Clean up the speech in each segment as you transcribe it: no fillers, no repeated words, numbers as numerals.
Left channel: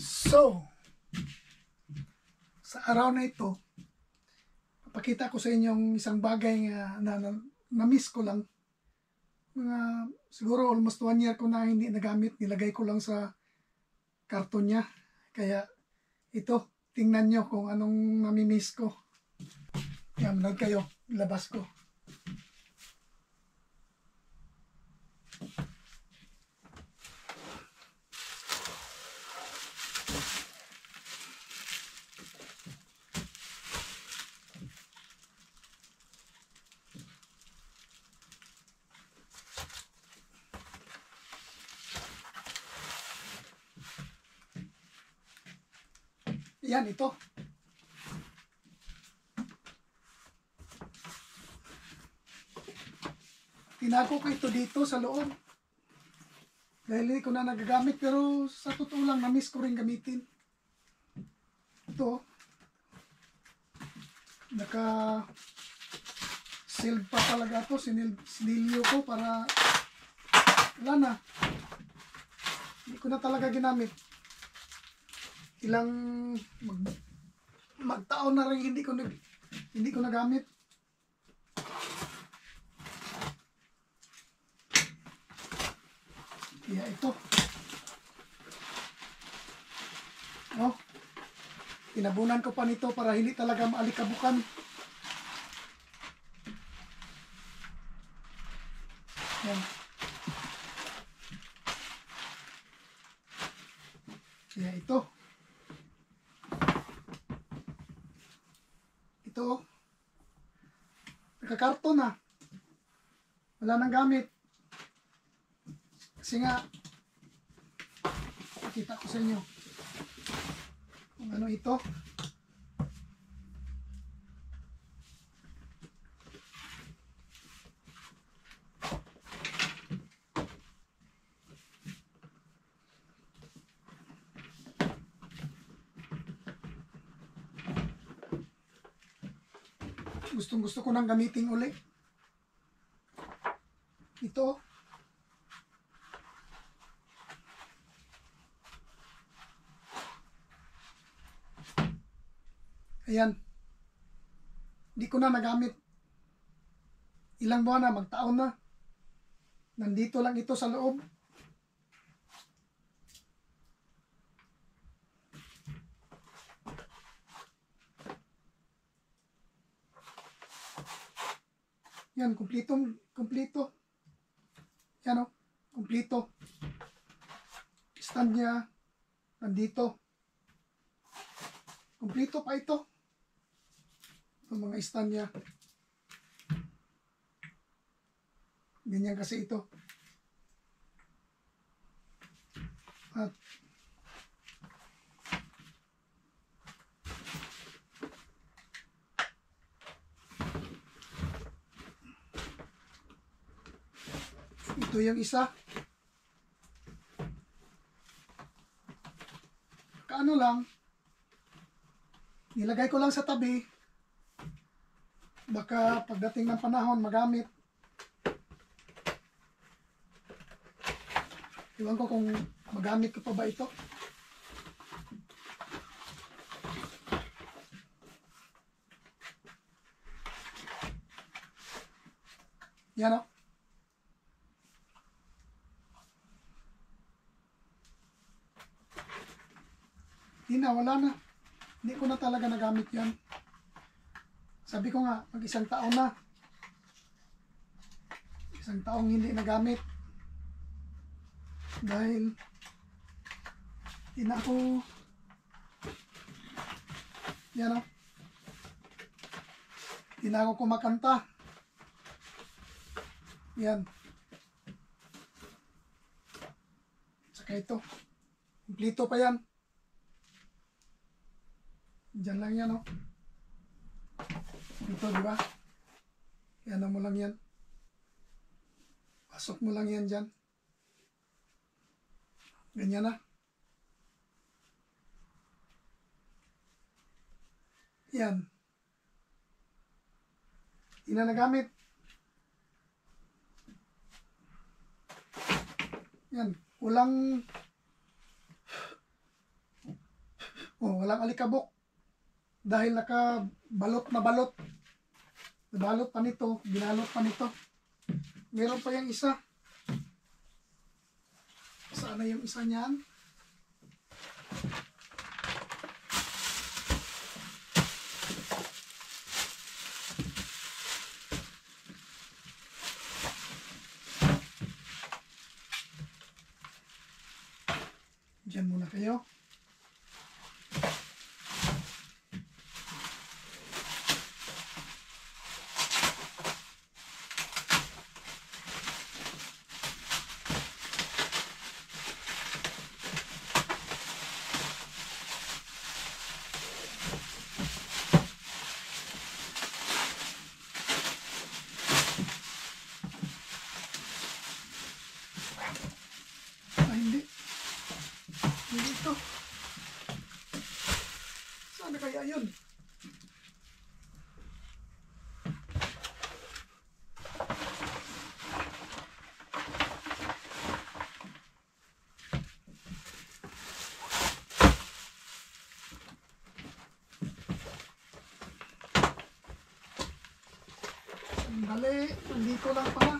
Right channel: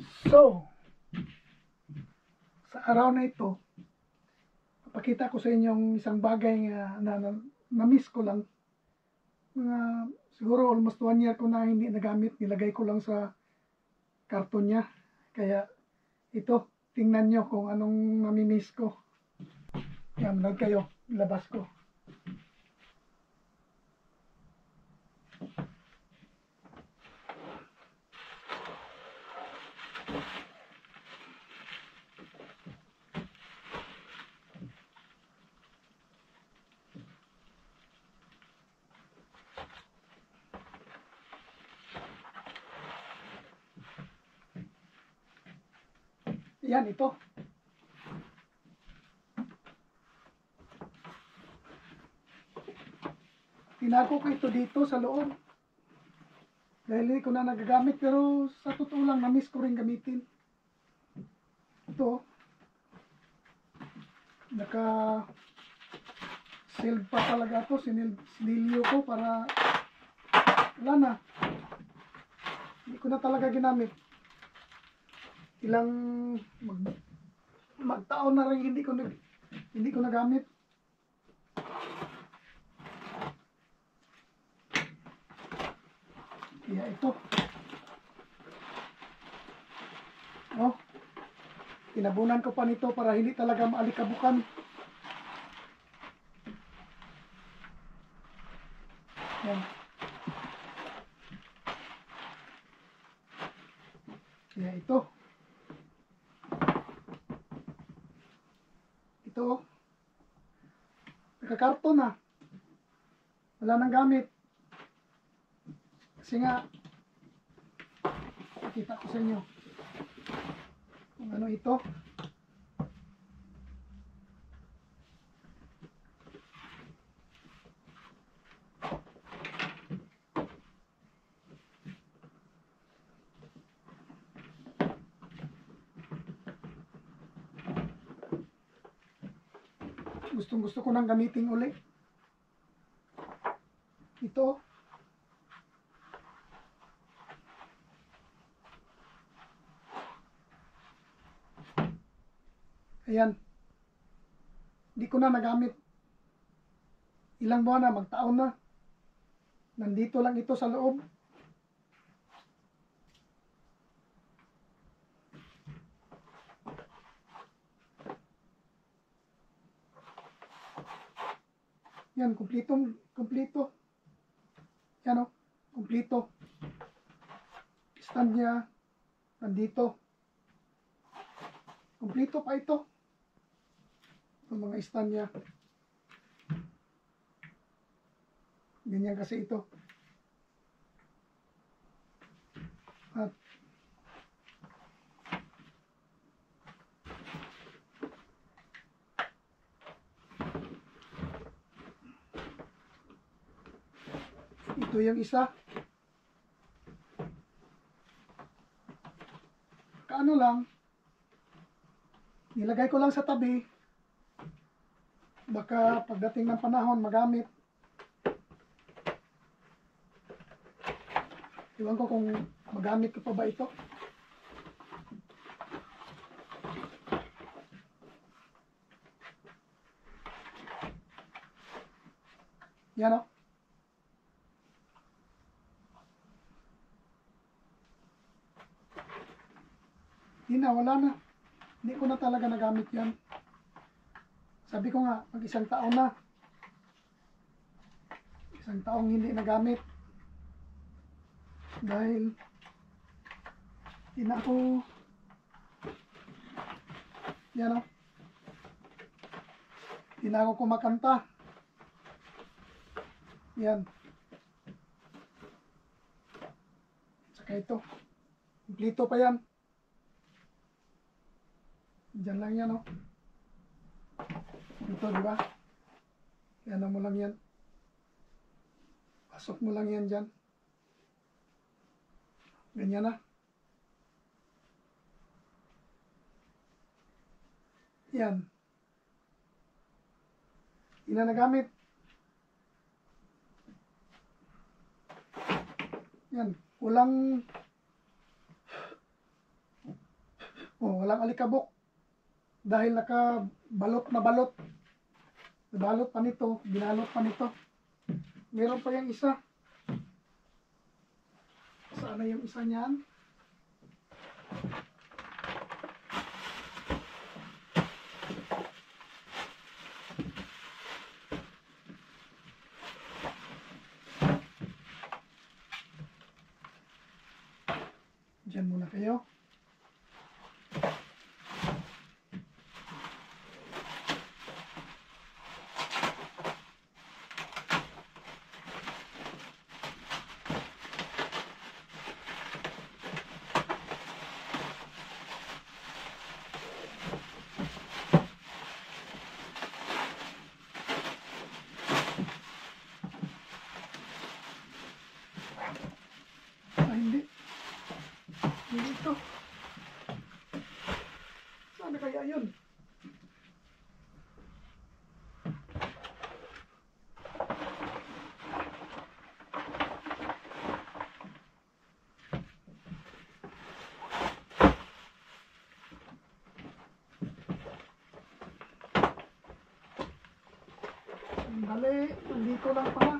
So, sa araw na ito, papakita ko sa inyong isang bagay na miss ko lang. Siguro almost 1 year ko na hindi nagamit. Nilagay ko lang sa karton niya. Kaya ito, tingnan nyo kung anong namimiss ko. Yan, manood kayo. Labas ko. Yan, ito. Tinago ko ito dito sa loob. Dahil hindi ko na nagagamit, pero sa totoo lang, na-miss ko rin gamitin. Ito. Naka-sealed pa talaga ito. Sinilyo ko para wala na. Hindi ko na talaga ginamit. Ilang magtaon na rin hindi ko nagamit. Kaya ito. Oh. Tinabunan ko pa nito para hindi talaga maalikabukan. Yan. Kaya ito. Ito, nakakarton na. Wala nang gamit. Kasi nga, nakita ko sa inyo kung ano ito. Gustong-gusto ko nang gamitin uli. Ito. Ayan. Hindi ko na nagamit. Ilang buwan na, magtaon na. Nandito lang ito sa loob. Yan, kumpleto. Yan o, kumpleto. Stand niya, nandito. Kumpleto pa ito. Ang mga stand niya. Ganyan kasi ito. At ito yung isa. Kaano lang, nilagay ko lang sa tabi. Baka pagdating ng panahon magamit. Iwan ko kung magamit ko pa ba ito. Yan o. Hindi na, wala na. Hindi ko na talaga nagamit yan. Sabi ko nga, mag isang taon na. Isang taong hindi nagamit. Dahil hindi na ako yan o. Hindi na ako kumakanta. Yan. Saka ito. Kumplito pa yan. Diyan lang yan o. Ito, di ba? Yan mo lang yan. Pasok mo lang yan dyan. Ganyan na. Yan. Hindi na nagamit. Yan. Kulang Oh, walang alikabok. Dahil nakabalot na balot. Nabalot pa nito, binalot pa nito. Meron pa yung isa. Saan na yung isa niyan? Diyan muna kayo. Hindi. Hindi ito. Saan na kaya yun? Sandali. Nandito lang pala.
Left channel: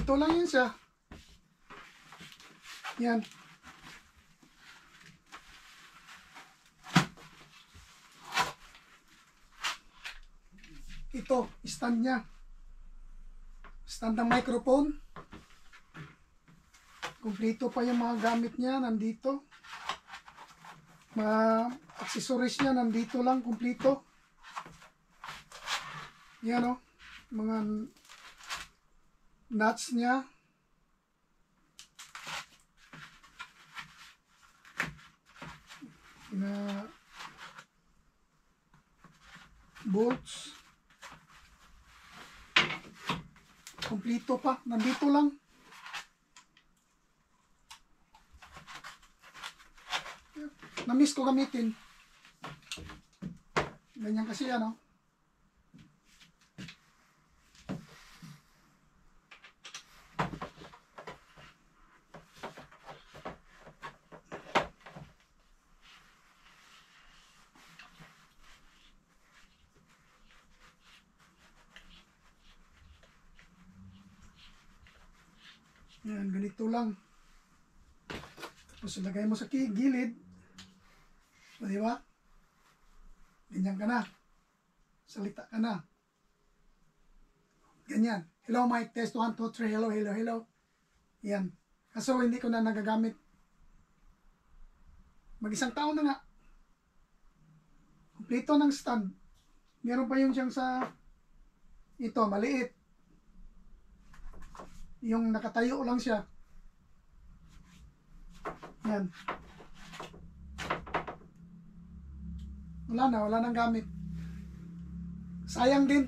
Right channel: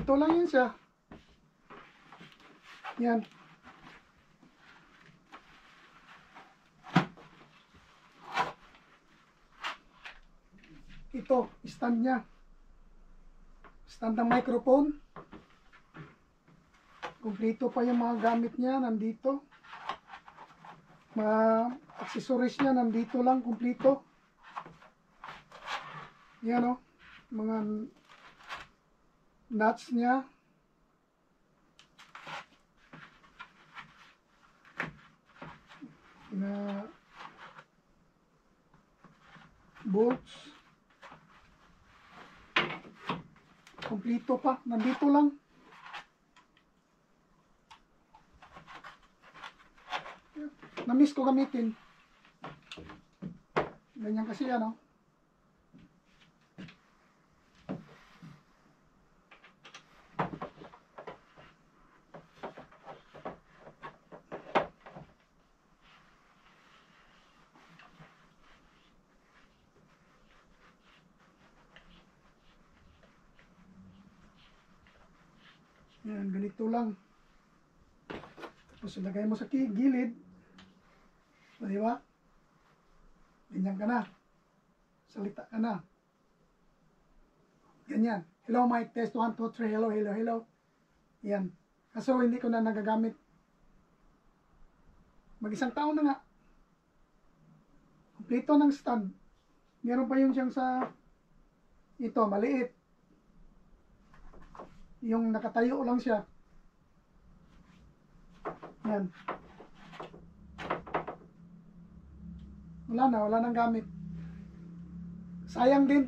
Ito lang yun siya. Yan. Ito, stand niya. Stand ng microphone. Kumpleto pa yung mga gamit niya, nandito. Mga accessories niya, nandito lang, kumpleto. Yan o, mga nuts niya. Na bolts. Kumpleto pa, nandito lang. Na-miss ko gamitin. Ganyan kasi yan, oh. Yan, ganito lang. Tapos ilagay mo sa gilid. O, di ba? Ganyan ka na. Salita ka na. Ganyan. Hello, mic test 1, 2, 3. Hello, hello, hello. Yan. Kaso hindi ko na nagagamit. Mag-isang taon na nga. Kompleto ng stand. Meron pa yung siyang sa ito, maliit. Yung nakatayo lang siya. Yan. Wala nang gamit. Sayang din.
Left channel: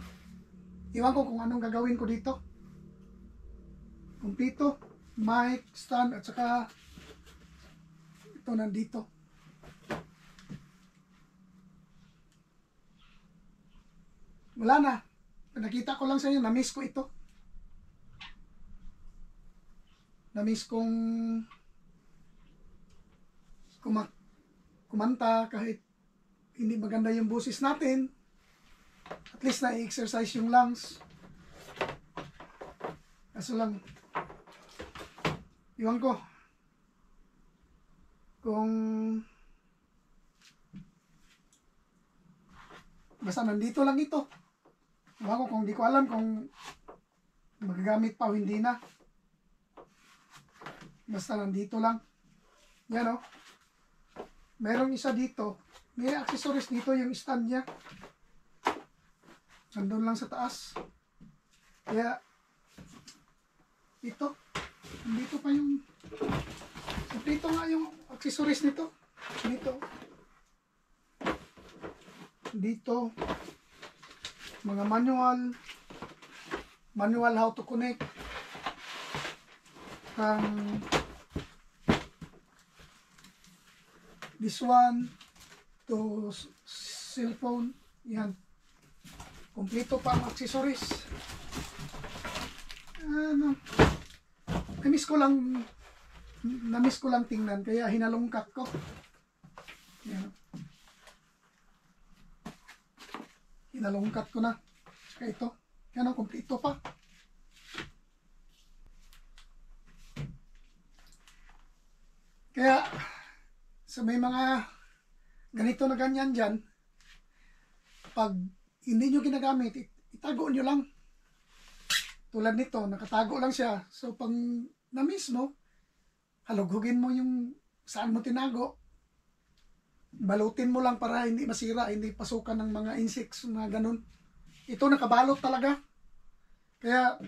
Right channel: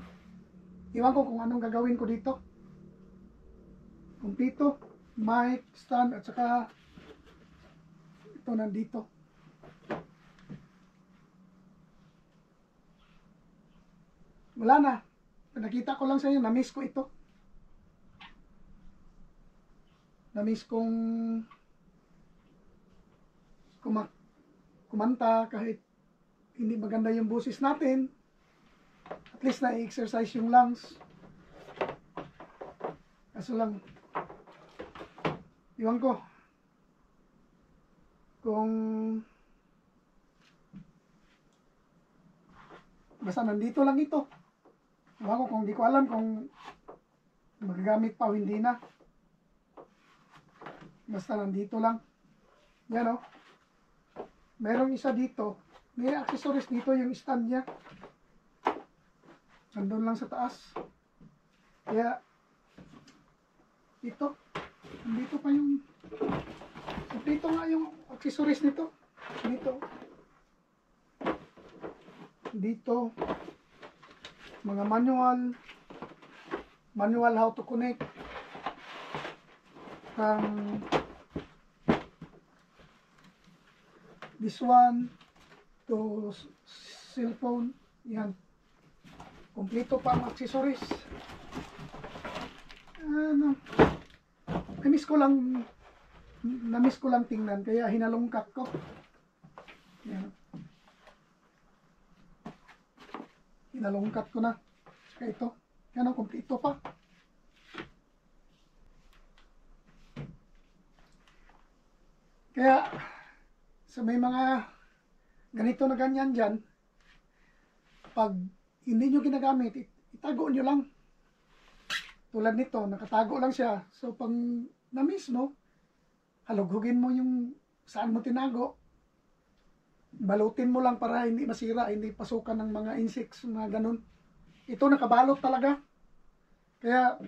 Iwan ko kung anong gagawin ko dito. Kumpleto, mic, stand, at saka ito nandito. Wala na. Nakita ko lang sa inyo, na-miss ko ito. Na-miss kong kumanta kahit hindi maganda yung boses natin. At least na-exercise yung lungs. Kaso lang, iwan ko kung basta nandito lang ito. Iwan ko kung di ko alam kung magagamit pa o hindi na. Basta nandito lang. Yan o. Merong isa dito. May accessories dito yung stand niya. Nandun lang sa taas. Kaya, ito. Dito pa yung, dito nga yung accessories nito. Dito. Dito. Mga manual. Manual how to connect. This one to cellphone. Yan. Kompleto pa ang accessories. Ano, na-miss ko lang tingnan kaya hinalungkat ko. Yan. Hinalungkat ko na. Saka ito. Yan ang kompleto pa. Kaya sa may mga ganito na ganyan dyan, pag hindi nyo ginagamit, itago nyo lang. Tulad nito, nakatago lang siya. So, pag na-miss mo, halughugin mo yung saan mo tinago. Balutin mo lang para hindi masira, hindi pasukan ng mga insects, mga ganun. Ito nakabalot talaga. Kaya,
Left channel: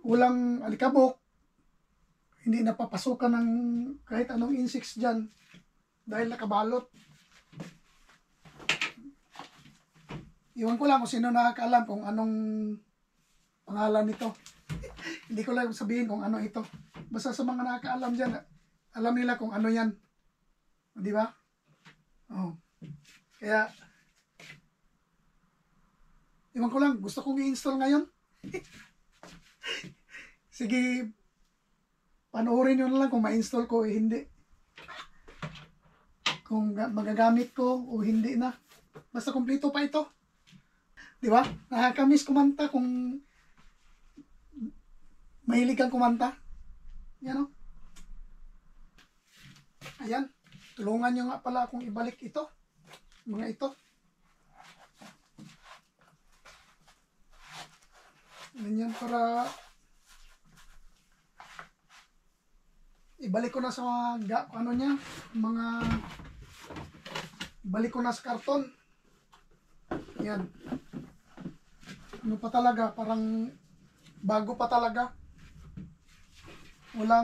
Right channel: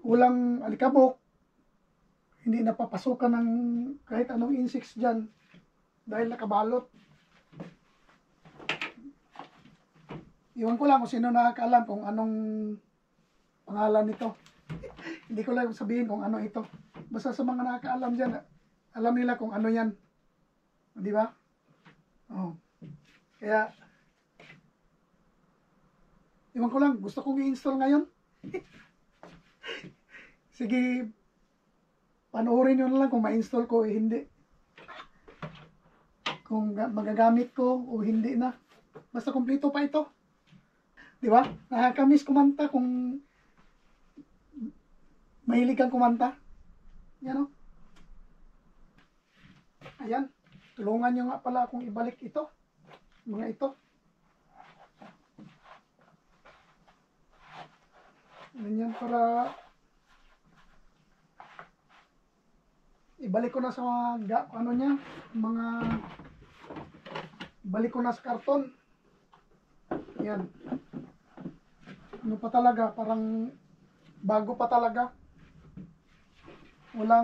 walang alikabok. Hindi napapasukan ng kahit anong insects dyan. Dahil nakabalot. Iwan ko lang kung sino nakakaalam kung anong pangalan nito. Hindi ko lang sabihin kung ano ito. Basta sa mga nakakaalam dyan, alam nila kung ano yan. Di ba? Oh. Kaya, iwan ko lang, gusto kong i-install ngayon. Sige, panoorin nyo na lang kung ma-install ko o hindi. Kung magagamit ko o hindi na. Basta kompleto pa ito. Di ba? Nakakamiss kumanta kung mahilig kang kumanta. Yan o. Ayan. Tulungan nyo nga pala akong ibalik ito. Mga ito. Ganyan para ibalik ko na sa mga ano niya, mga ibalik ko na sa karton. Yan. Ano pa talaga, parang bago pa talaga. Wala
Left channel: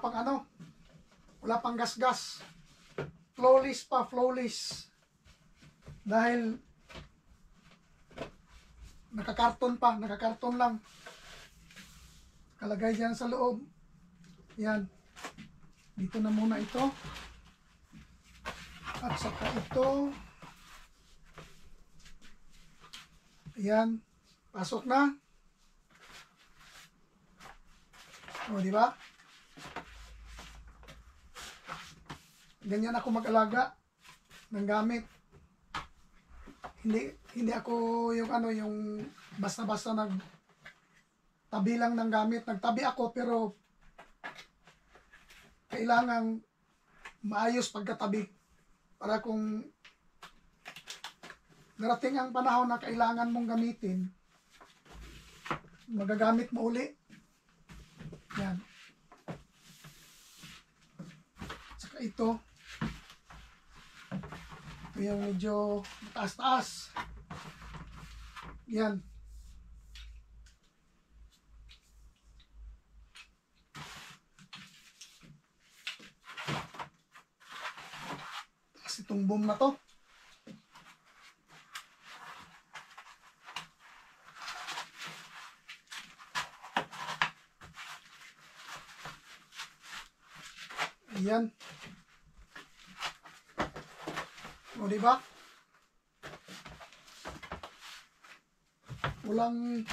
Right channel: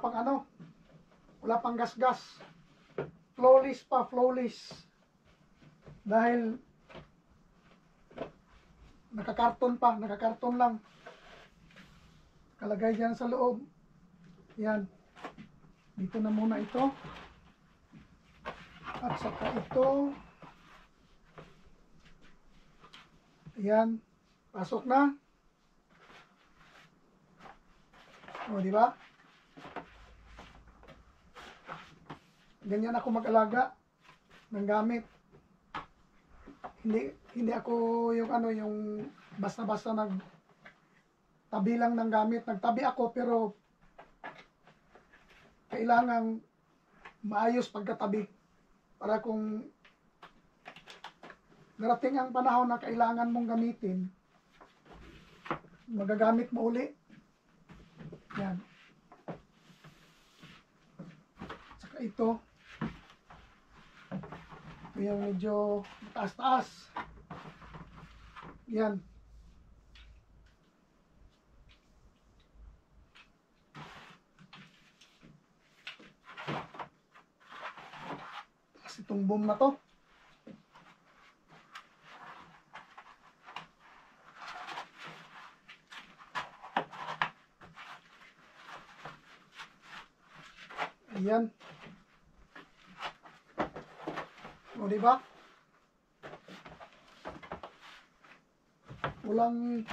pang ano, wala pang gas-gas. Flawless pa, flawless. Dahil nakakarton lang. Kalagay dyan sa loob. Yan. Dito na muna ito. At saka ito. Ayan. Pasok na. O, di ba? Ganyan ako mag-alaga ng gamit. Hindi ako yung ano, yung basta-basta tabi lang ng gamit. Nagtabi ako pero kailangan maayos pagkatabi. Para kung darating ang panahon na kailangan mong gamitin, magagamit mo uli. Yan. Saka ito yung medyo taas-taas. Yan. Tapos itong boom na to. Ayan. O, diba? Walang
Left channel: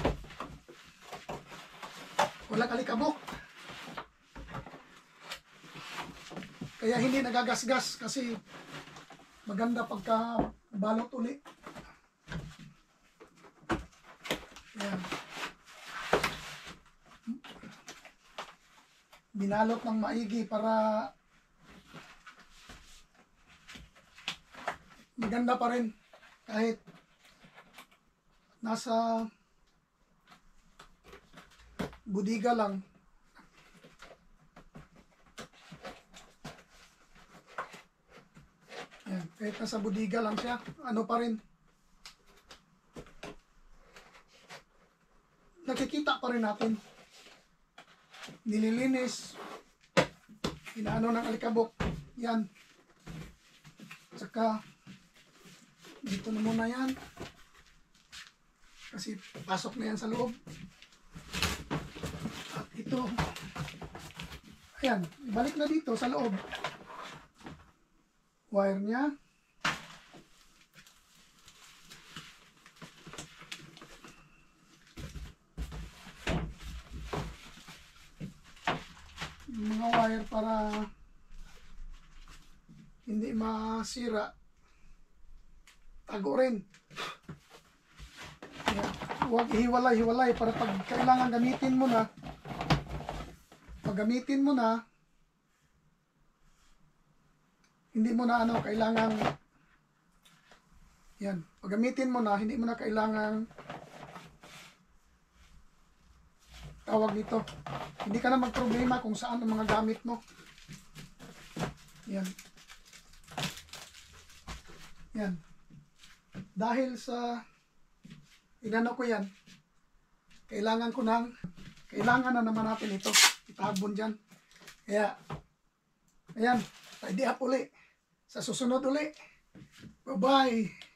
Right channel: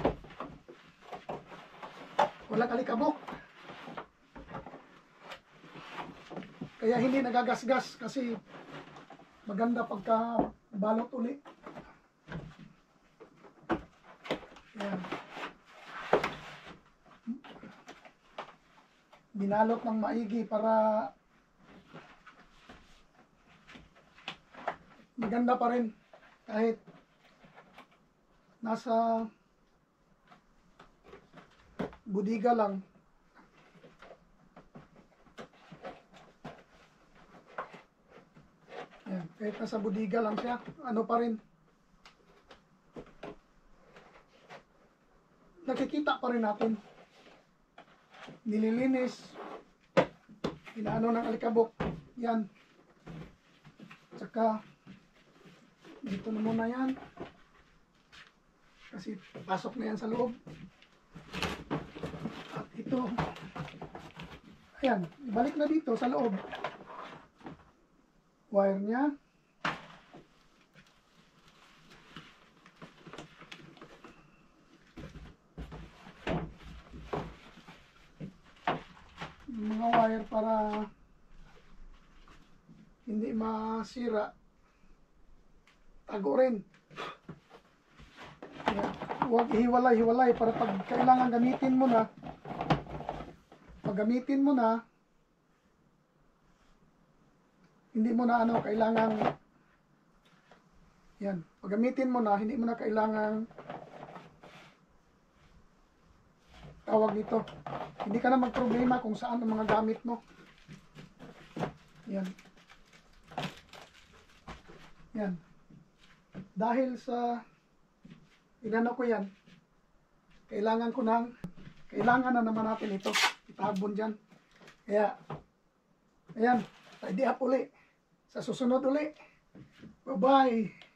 alikabok. Kaya hindi nagagasgas kasi maganda pagka balot uli. Ayan. Binalot ng maigi para maganda pa rin kahit nasa budiga lang. Yan, kahit nasa budiga lang siya, ano pa rin. Nakikita pa rin natin. Nililinis. Inaano ng alikabok. Yan. Tsaka, dito na muna yan. Kasi pasok na yan sa loob. At ito, ayan, ibalik na dito sa loob. Wire niya. Yung mga wire para hindi masira. Tago rin. Ayan. Huwag hiwalay-hiwalay para pag kailangan gamitin mo na, pag gamitin mo na, hindi mo na ano, kailangan, yan, pag gamitin mo na, hindi mo na kailangan, tawag nito, hindi ka na magproblema kung saan ang mga gamit mo. Yan. Yan. Dahil sa inano ko yan, kailangan na naman natin ito, itahabon dyan. Kaya, ayan, tidy up uli. Sa susunod uli. Bye-bye.